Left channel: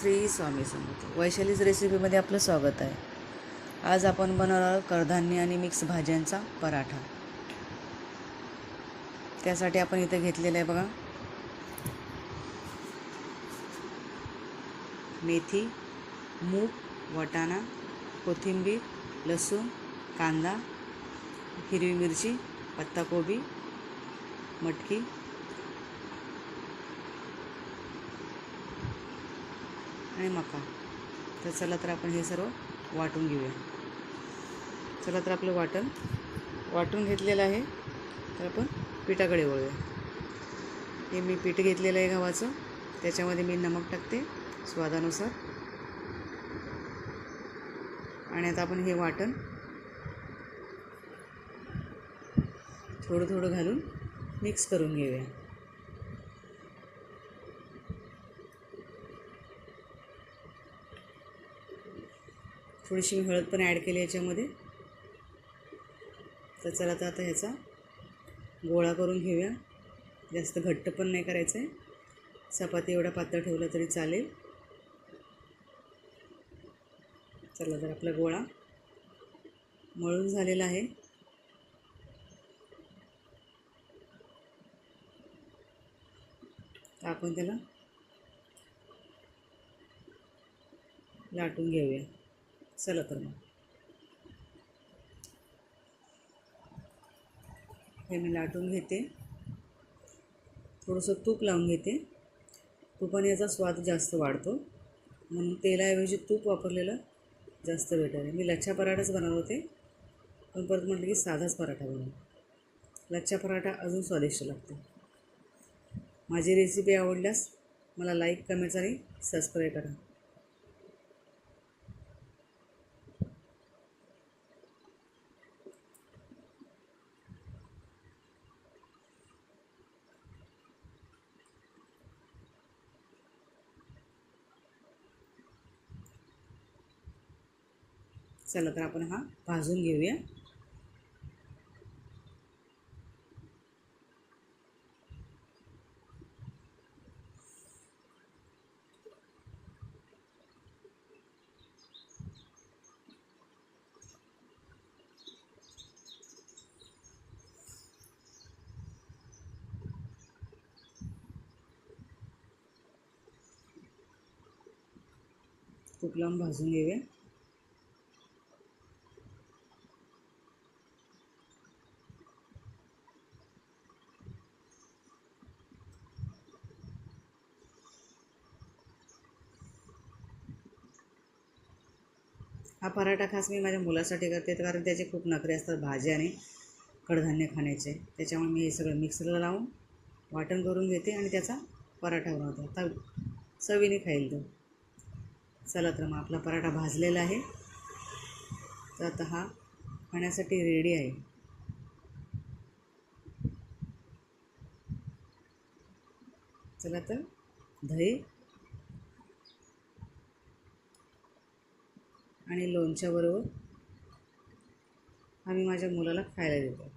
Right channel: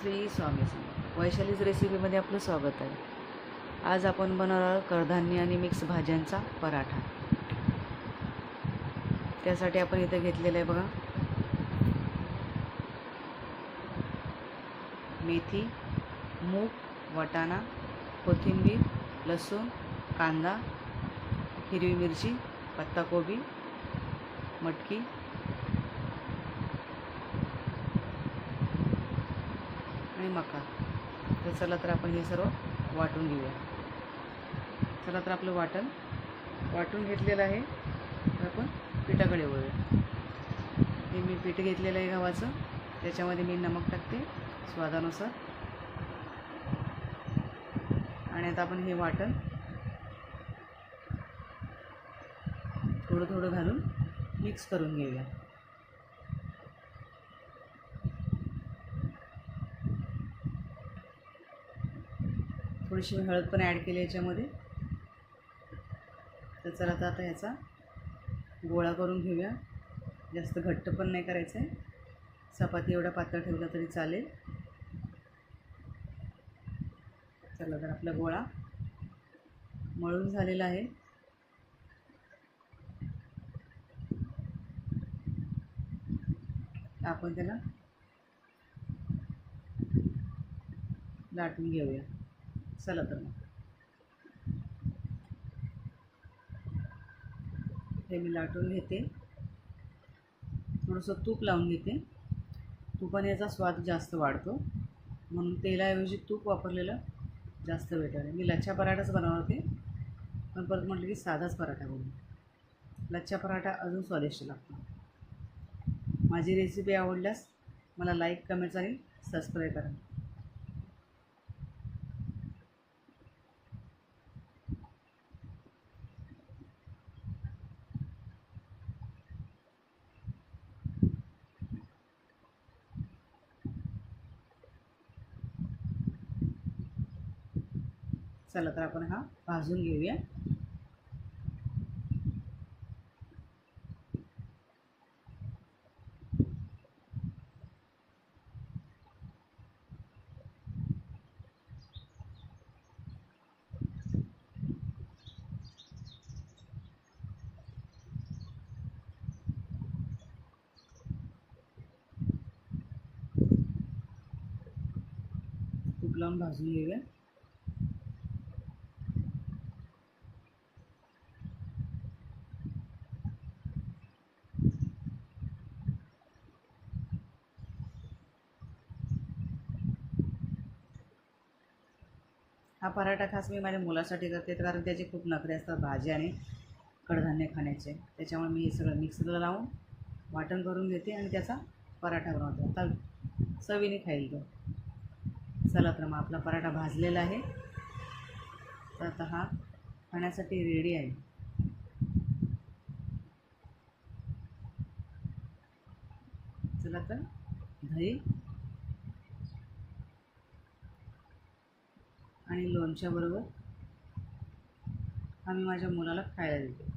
श्री स्वामी समर्थ. वैशालीज रेसिपीमध्ये आपलं स्वागत आहे. आज आपण बनवणार आहोत कडधान्य आणि मिक्स भाज्यांचा पराठा. त्यासाठी आपण इथे घेतलेलं आहे बघा, मेथी, मूग, वाटाणा, कोथिंबीर, लसूण, कांदा, हिरवी मिरची, पत्ताकोबी, मटकी आणि मका. तर चला तर आपण हे सर्व वाटून घेऊया. चला तर आपलं वाटून घेतलेलं आहे. तर आपण पिठाकडे वळूया. हे मी पीठ घेतलेलं आहे गव्हाचं. त्याच्यामध्ये मी नमक टाकते स्वादानुसार. आणि आता आपण हे वाटण थोडं थोडं घालून मिक्स करून घेऊया. थोडीशी मी हळद पण ॲड केली याच्यामध्ये. तर चला तर आता ह्याचा गोळा करून घेऊया. जास्त घट्ट पण नाही करायचं आहे. चपाती एवढा पातळ ठेवला तरी चालेल. चला तर आपला गोळा मळून झालेला आहे. आपण त्याला लाटून घेऊया. चला तर मग हे मी लाटून घेते. थोडंसं तूप लावून घेते. तुपाने याचा स्वाद जास्त वाढतो, म्हणून तेलाऐवजी तूप वापरलेलं जास्त बेटर आहे. मी लच्छा पराठाच बनवत होते, पण परत म्हटलं की साधाच पराठा बनवू. लच्छा पराठा अजून स्वादिष्ट लागतो. माझी रेसिपी आवडल्यास मला लाईक, कमेंट्स आणि सबस्क्राईब करा. चला तर आपण हा भाजून घेऊया. तूप लावून भाजून घेऊया. हा पराठा खास मी माझ्या मुलासाठी करते, कारण त्याचे खूप नखरे असतात भाज्या आणि कडधान्य खाण्याचे. त्याच्यामुळे मी हे सगळं मिक्सरला लावून वाटण करून घेते आणि त्याचा पराठा बनवते. आता चवीने खाईल तो. चला तर मग आपला पराठा भाजलेला आहे. तर आता हा खाण्यासाठी रेडी आहे. चला तर दही आणि लोणच्याबरोबर हा मी माझ्या मुलाला खायला देते.